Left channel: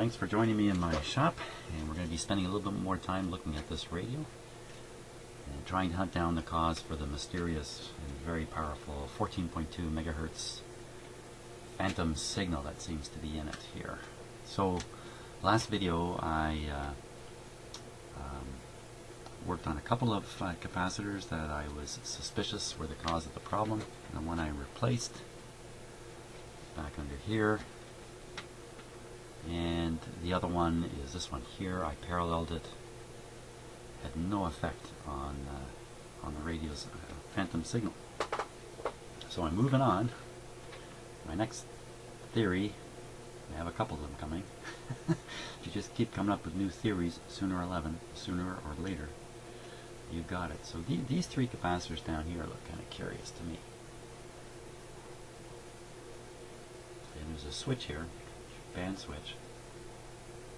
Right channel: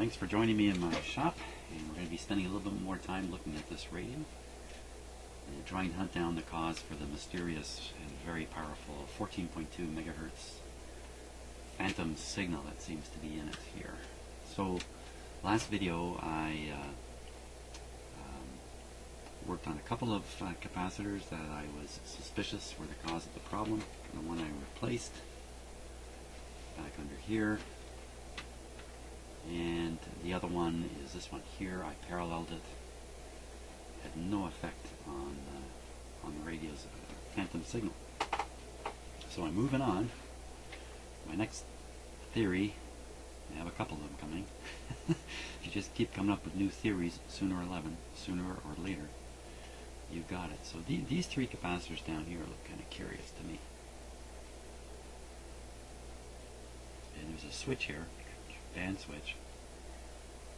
thanks for joining me in my shop, and we're going to be spending a little bit more time looking at this radio and trying to hunt down the cause for the mysterious and very powerful 14.2 megahertz phantom signal that seems to be in it here. So last video I worked on a couple of capacitors that I was suspicious were the cause of the problem, and the one I replaced back under here, and the other one is this one here. I paralleled it, had no effect on the radio's phantom signal. So I'm moving on. My next theory, I have a couple of them coming. You just keep coming up with new theories, sooner or later you got it. So these three capacitors down here look kind of curious to me. And there's a switch here, band switch.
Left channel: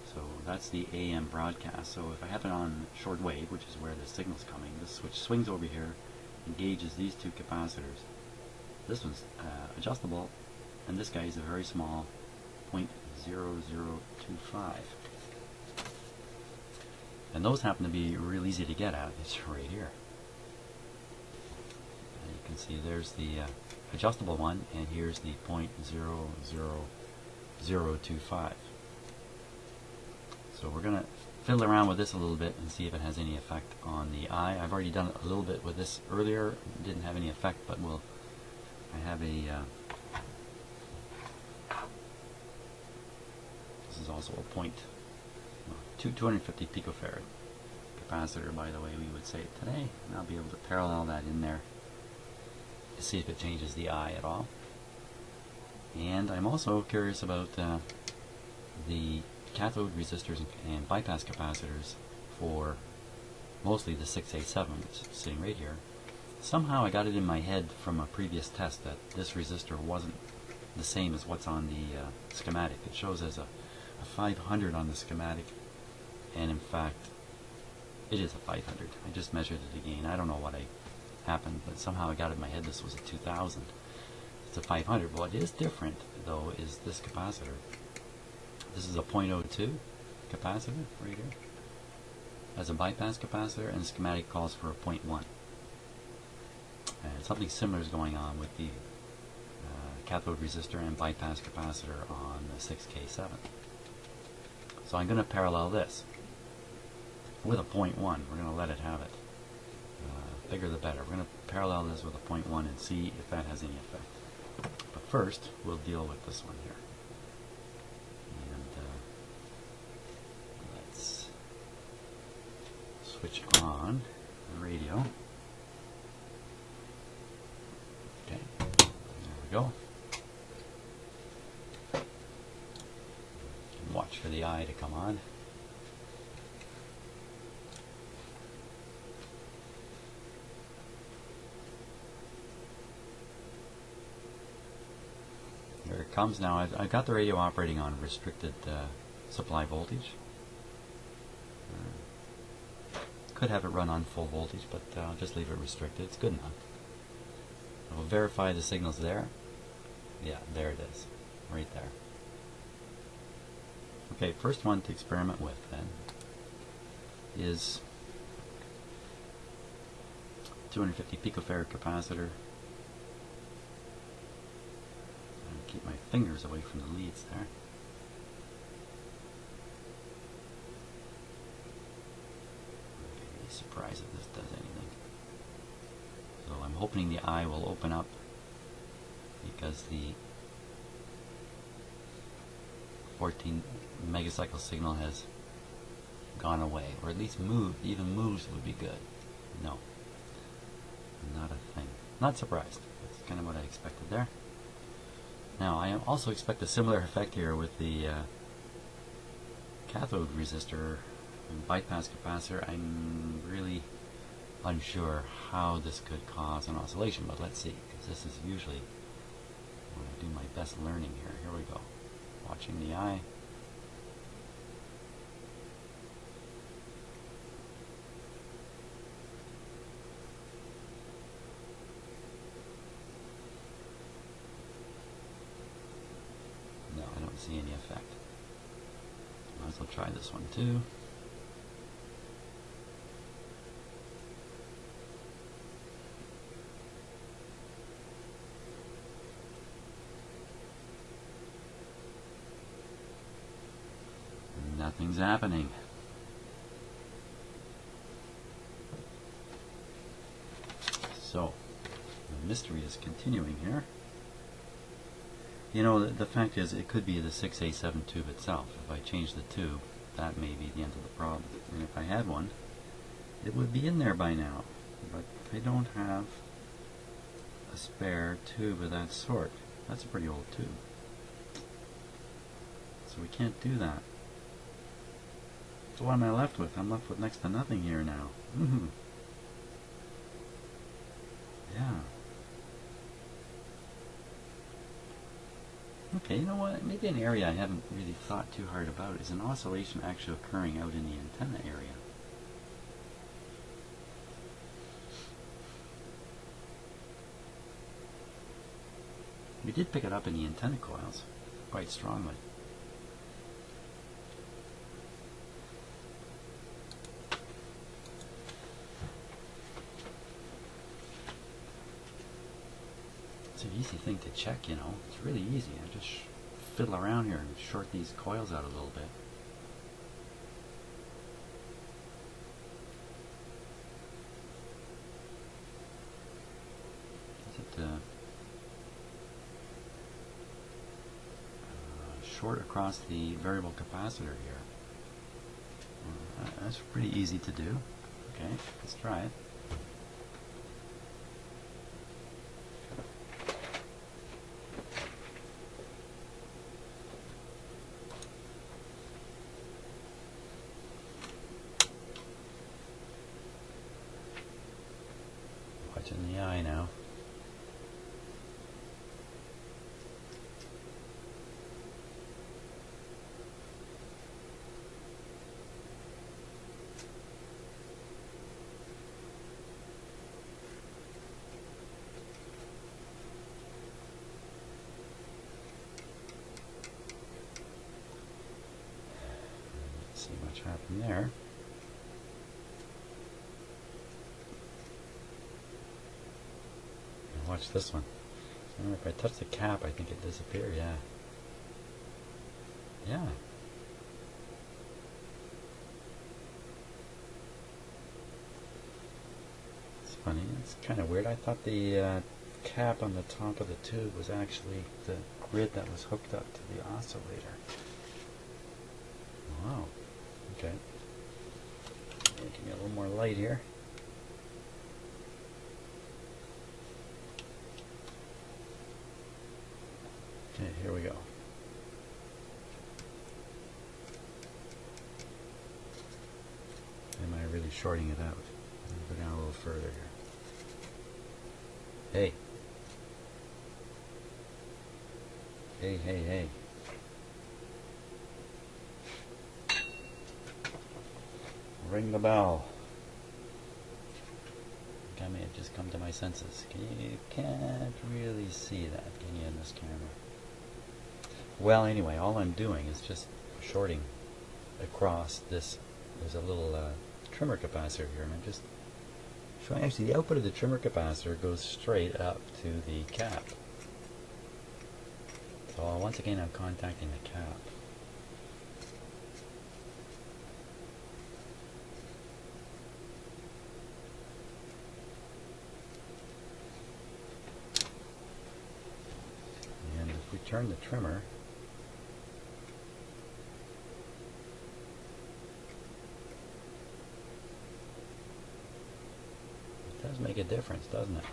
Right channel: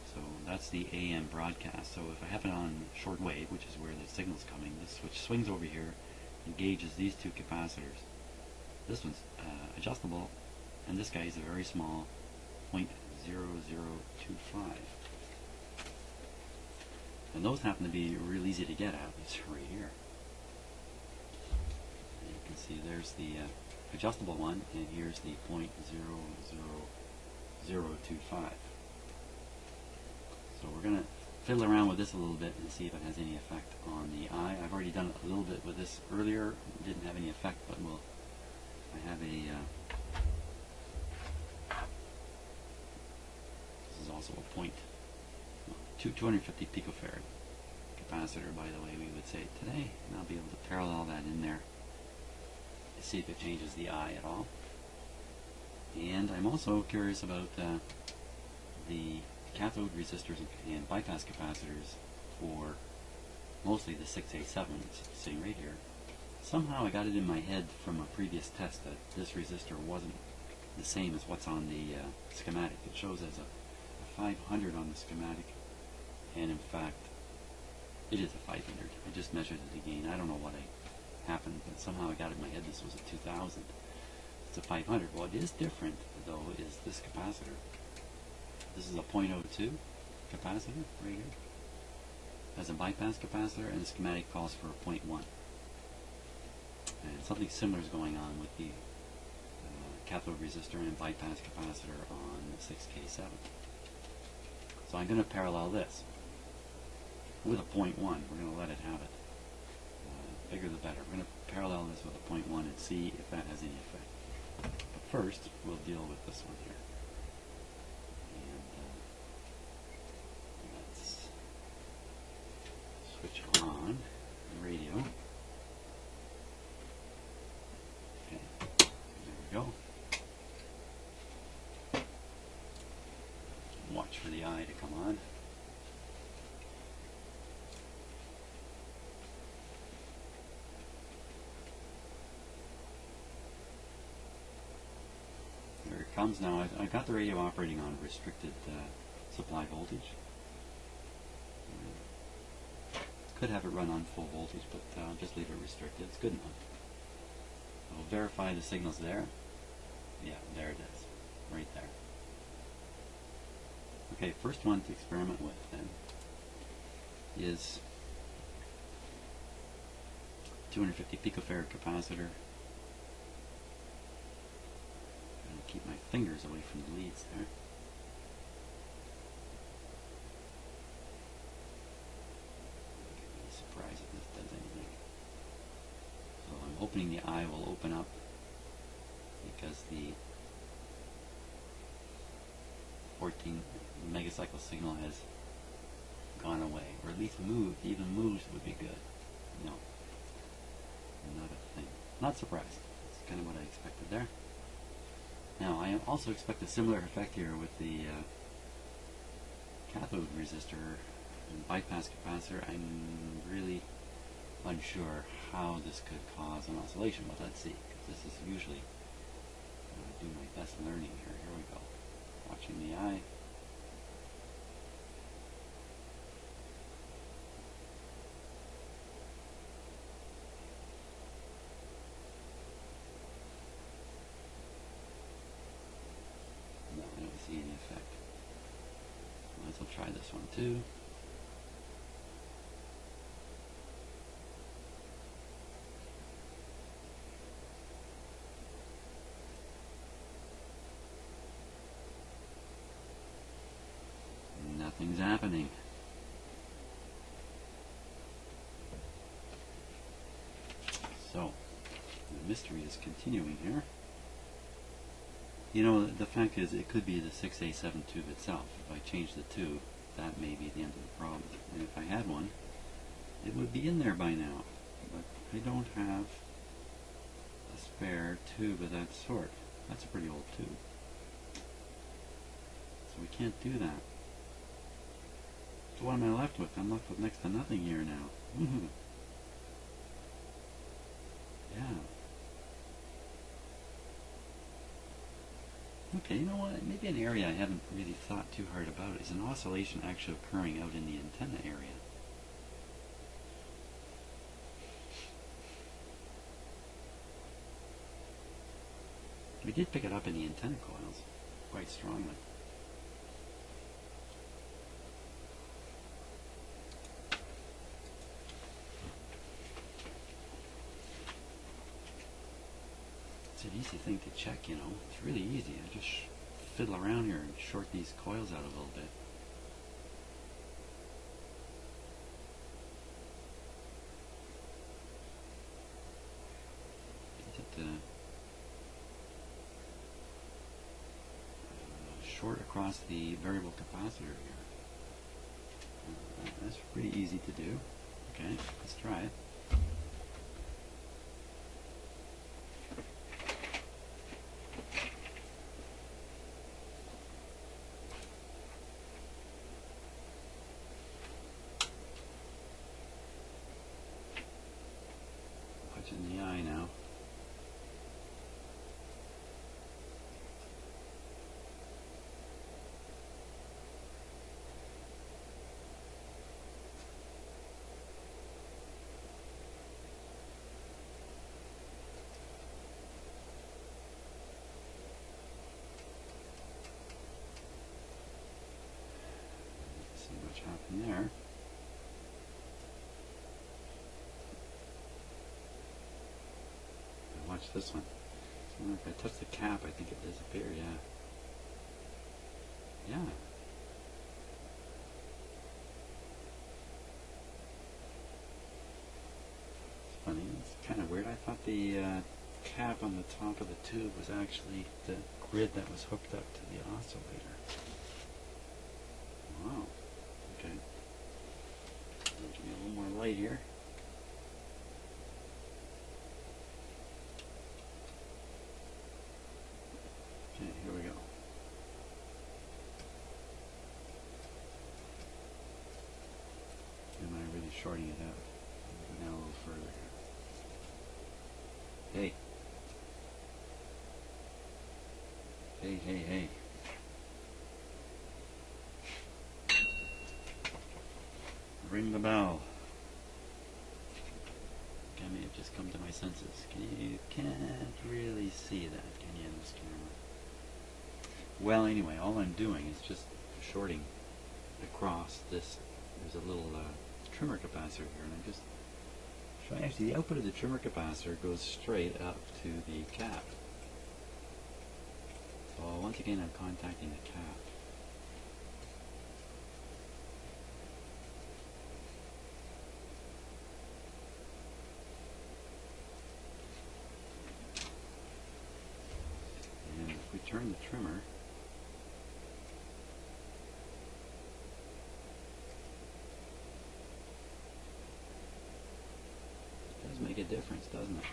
So that's the AM broadcast. So if I have it on shortwave, which is where the signal's coming, this switch swings over here, engages these two capacitors. This one's adjustable, and this guy is a very small 0.0025. And those happen to be real easy to get at. It's right here. And you can see there's the adjustable one, and here's the 0.00025. So we're going to fiddle around with this a little bit and see if it has any effect on the eye. I've already done it a little bit with this earlier. It didn't have any effect, but I have a this is also a 250 picofarad capacitor, by the way we would say it today. And I'll be able to parallel that in there to see if it changes the eye at all. And I'm also curious about the cathode resistors and bypass capacitors for mostly the 6A7, which is sitting right here. Somehow I got it in my head from a previous test that this resistor wasn't the same as what's on the schematic. It shows as a 500 on the schematic, and in fact it is a 500. I just measured it again. I don't know what happened, but somehow I got it in my head this was a 2000. It's a 500. What is different though is this capacitor. This is a 0.02 capacitor right here as a bypass capacitor, and the schematic calls for a 0.1. Something similar is going on with the cathode resistor and bypass capacitor on the 6K7. So I'm going to parallel this with a 0.1. We're going to let it have it. Bigger the better. We're going to parallel this with a 0.1 and see if that has any effect. But first, we'll deal with this one here. And let's switch on the radio. Okay, there we go. Watch for the eye to come on. There it comes now. I've got the radio operating on restricted supply voltage. Could have it run on full voltage, but I'll just leave it restricted. It's good enough. I will verify the signal's there. Yeah, there it is. Right there. Okay, first one to experiment with then is 250 picofarad capacitor. Keep my fingers away from the leads there. I'd be surprised if this does anything. So I'm hoping the eye will open up, because the 14 megacycle signal has gone away, or at least moved. Even moves would be good. No, not a thing. Not surprised. That's kind of what I expected there. Now I also expect a similar effect here with the cathode resistor and bypass capacitor. I'm really unsure how this could cause an oscillation, but let's see. This is usually when I do my best learning here. Here we go. Watching the eye. No, I don't see any effect. Try this one too. Nothing's happening. So, the mystery is continuing here. You know, the fact is, it could be the 6A7 tube itself. If I change the tube, that may be the end of the problem. And if I had one, it would be in there by now. But I don't have a spare tube of that sort. That's a pretty old tube. So we can't do that. So what am I left with? I'm left with next to nothing here now. Yeah. Okay, you know what? Maybe an area I haven't really thought too hard about is an oscillation actually occurring out in the antenna area. I did pick it up in the antenna coils quite strongly. It's an easy thing to check, you know. It's really easy. I just fiddle around here and short these coils out a little bit. Short across the variable capacitor here. That's pretty easy to do. Okay, let's try it. Watching the eye now. Happen there. Now watch this one. So if I touch the cap, I think it disappears. Yeah. Yeah. It's funny. It's kind of weird. I thought the cap on the top of the tube was actually the grid that was hooked up to the oscillator. Wow. Okay. Give me a little more light here. Okay, here we go. Am I really shorting it out? Let's go down a little further here. Hey. Hey, hey, hey. Ring the bell. I may have just come to my senses. You can't really see that, can you, in this camera? Well, anyway, all I'm doing is just shorting across this. There's a little trimmer capacitor here, and I'm just showing. Actually, the output of the trimmer capacitor goes straight up to the cap. So once again, I'm contacting the cap. Turn the trimmer, it does make a difference, doesn't it?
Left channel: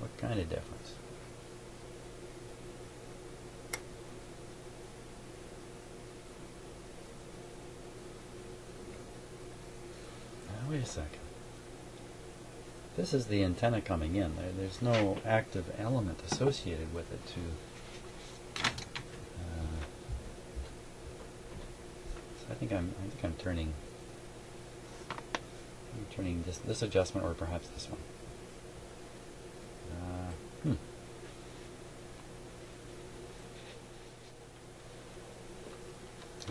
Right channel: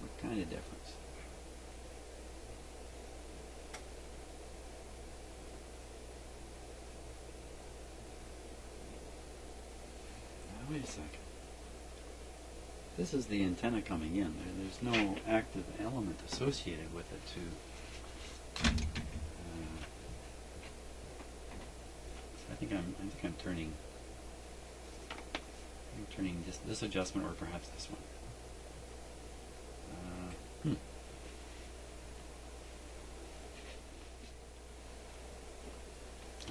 What kind of difference? Now, wait a second. This is the antenna coming in. There's no active element associated with it to. So I think I'm turning. I'm turning this adjustment, or perhaps this one.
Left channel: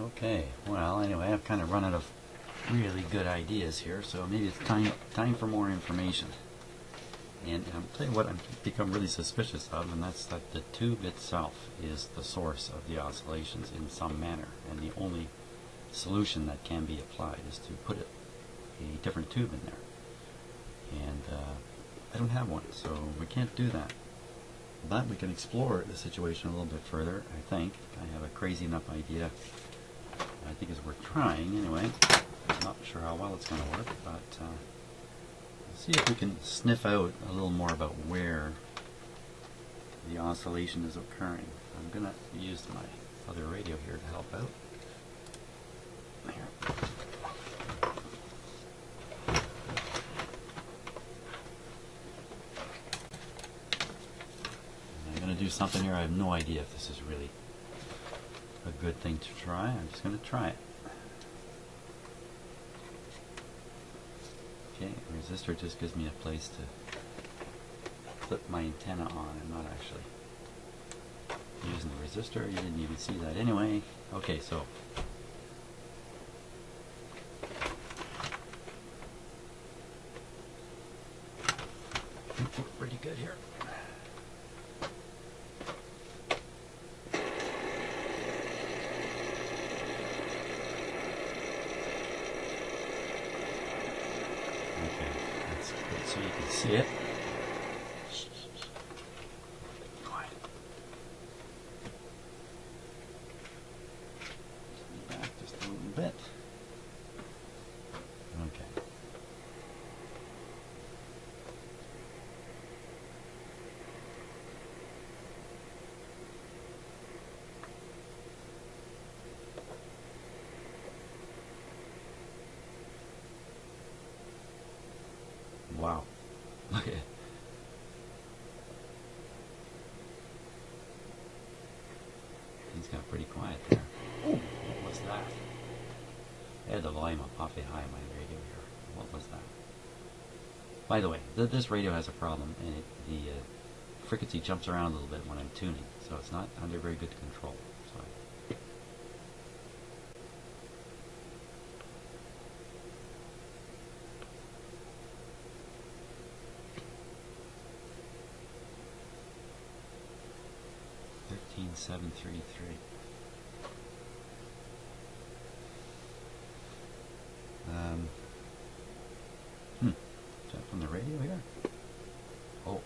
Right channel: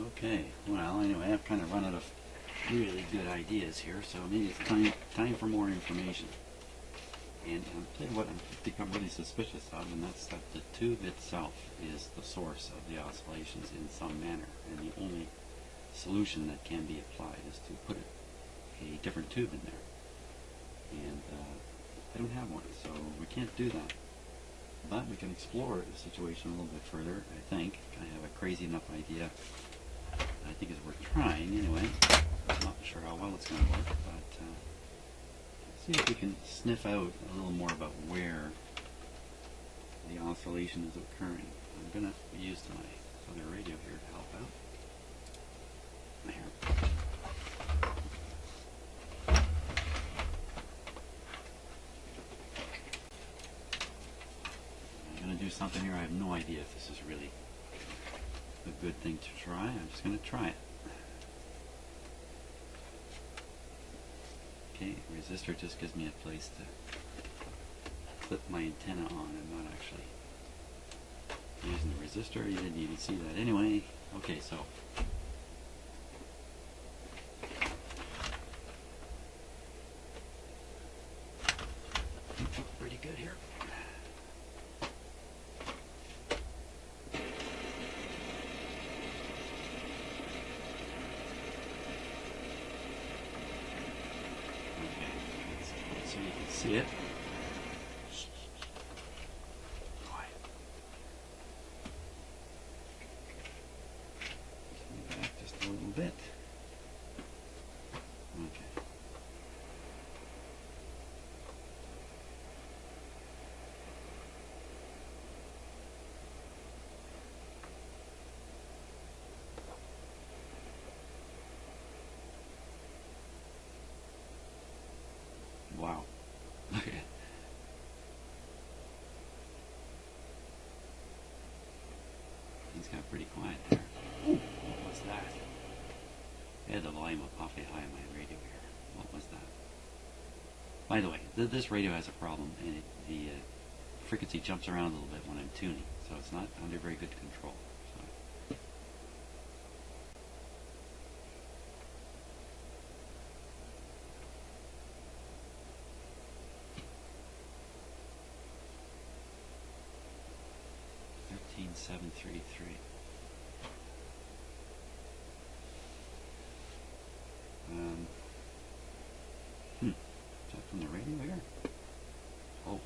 Okay, well, anyway, I've kind of run out of really good ideas here, so maybe it's time for more information. And I'll tell you what I've become really suspicious of, and that's that the tube itself is the source of the oscillations in some manner, and the only solution that can be applied is to put a different tube in there. And I don't have one, so we can't do that. But we can explore the situation a little bit further, I think. I have a crazy enough idea I think it's worth trying anyway. I'm not sure how well it's going to work, but see if we can sniff out a little more about where the oscillation is occurring. I'm going to use my other radio here to help out. There. I'm going to do something here. I have no idea if this is really a good thing to try. I'm just going to try it. Okay, resistor just gives me a place to clip my antenna on. I'm not actually using the resistor. You didn't even see that anyway. Okay, so pretty good here. So you can see it. Quiet. Back just a little bit. Okay. Wow. Look at it. It's got pretty quiet there. What was that? I had the volume up awfully high on my radio here. What was that? By the way, this radio has a problem, and the frequency jumps around a little bit when I'm tuning, so it's not under very good control. So 733. Is that from the radio here? Oh.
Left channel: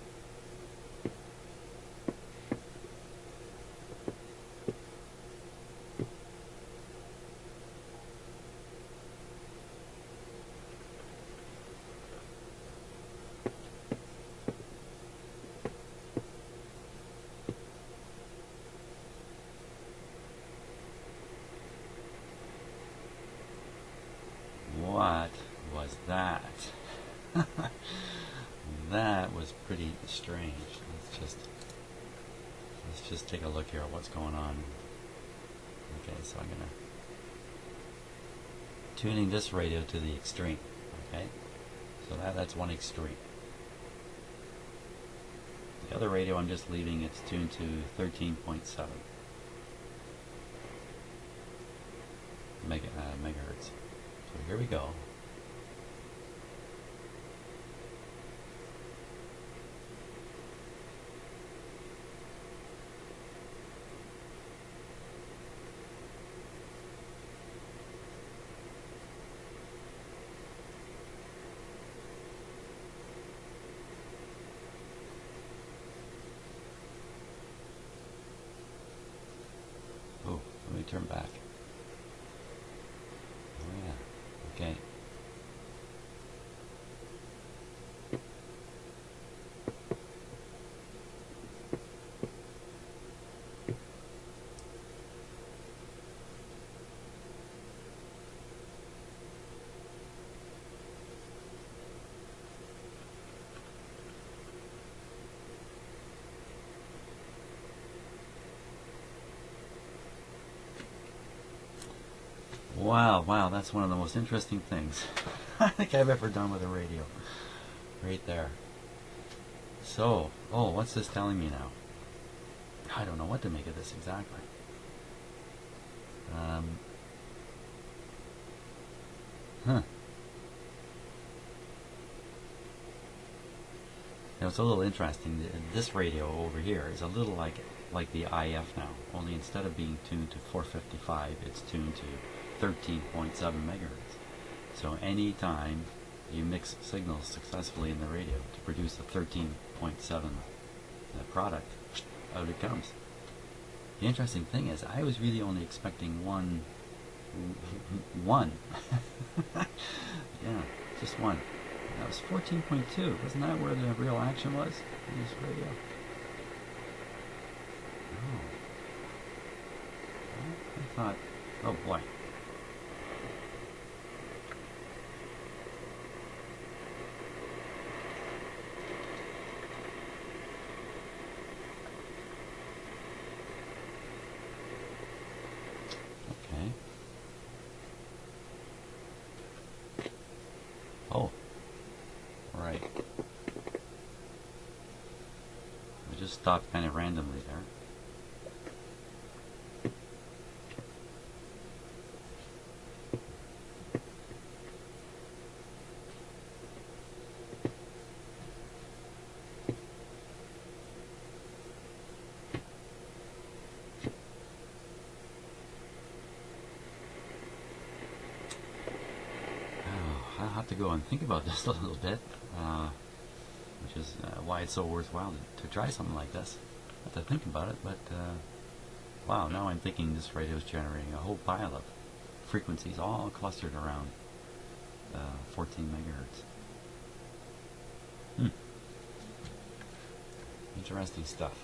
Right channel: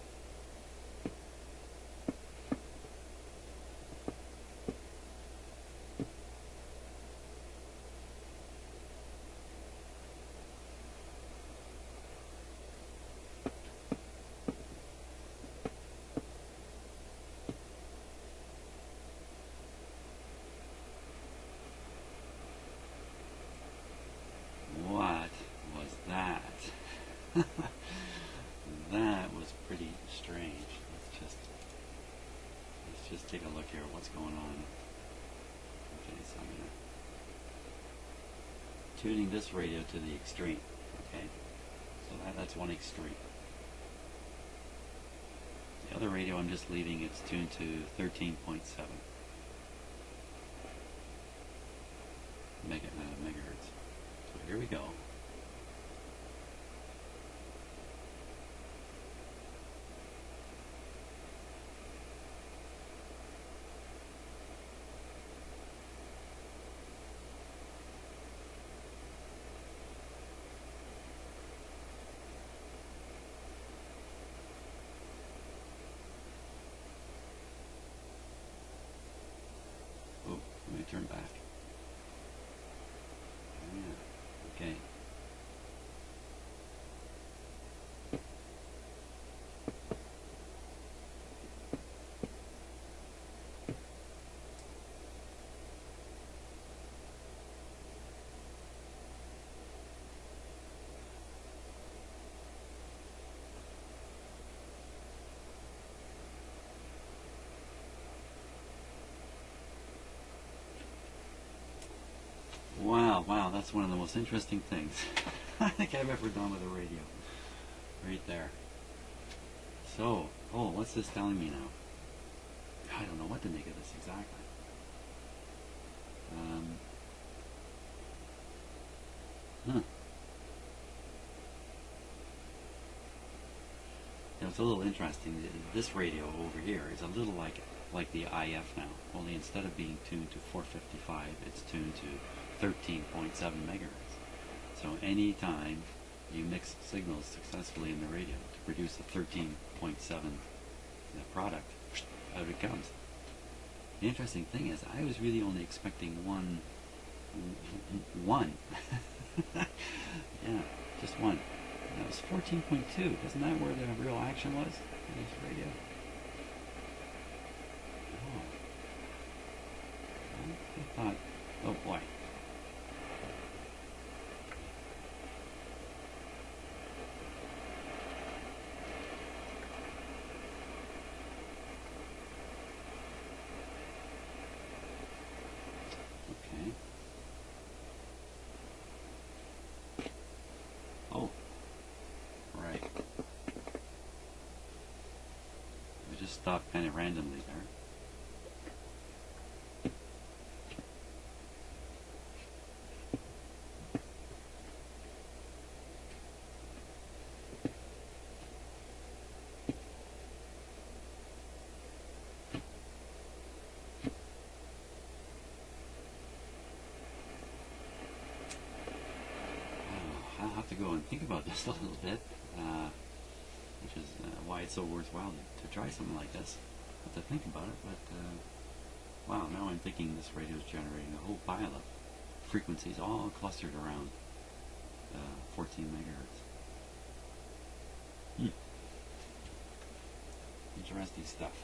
What was that? That was pretty strange. Let's just take a look here at what's going on. Okay, so I'm gonna tuning this radio to the extreme. Okay, so that's one extreme. The other radio I'm just leaving, it's tuned to 13.7 megahertz. So here we go. Oh, let me turn back. Oh yeah, okay. Wow, that's one of the most interesting things I think I've ever done with a radio. Right there. So, what's this telling me now? I don't know what to make of this exactly. Huh. Now it's a little interesting. This radio over here is a little like the IF now. Only instead of being tuned to 455, it's tuned to 13.7 megahertz. So anytime you mix signals successfully in the radio to produce a 13.7 product, out it comes. The interesting thing is, I was really only expecting one. Yeah, just one. And that was 14.2. Isn't that where the real action was in this radio? Oh. I thought, oh boy. Okay. Oh. Right. I just stopped kind of randomly there. I'll have to go and think about this a little bit, which is why it's so worthwhile to try something like this. I have to think about it, but wow, now I'm thinking this radio is generating a whole pile of frequencies all clustered around 14 megahertz. Interesting stuff.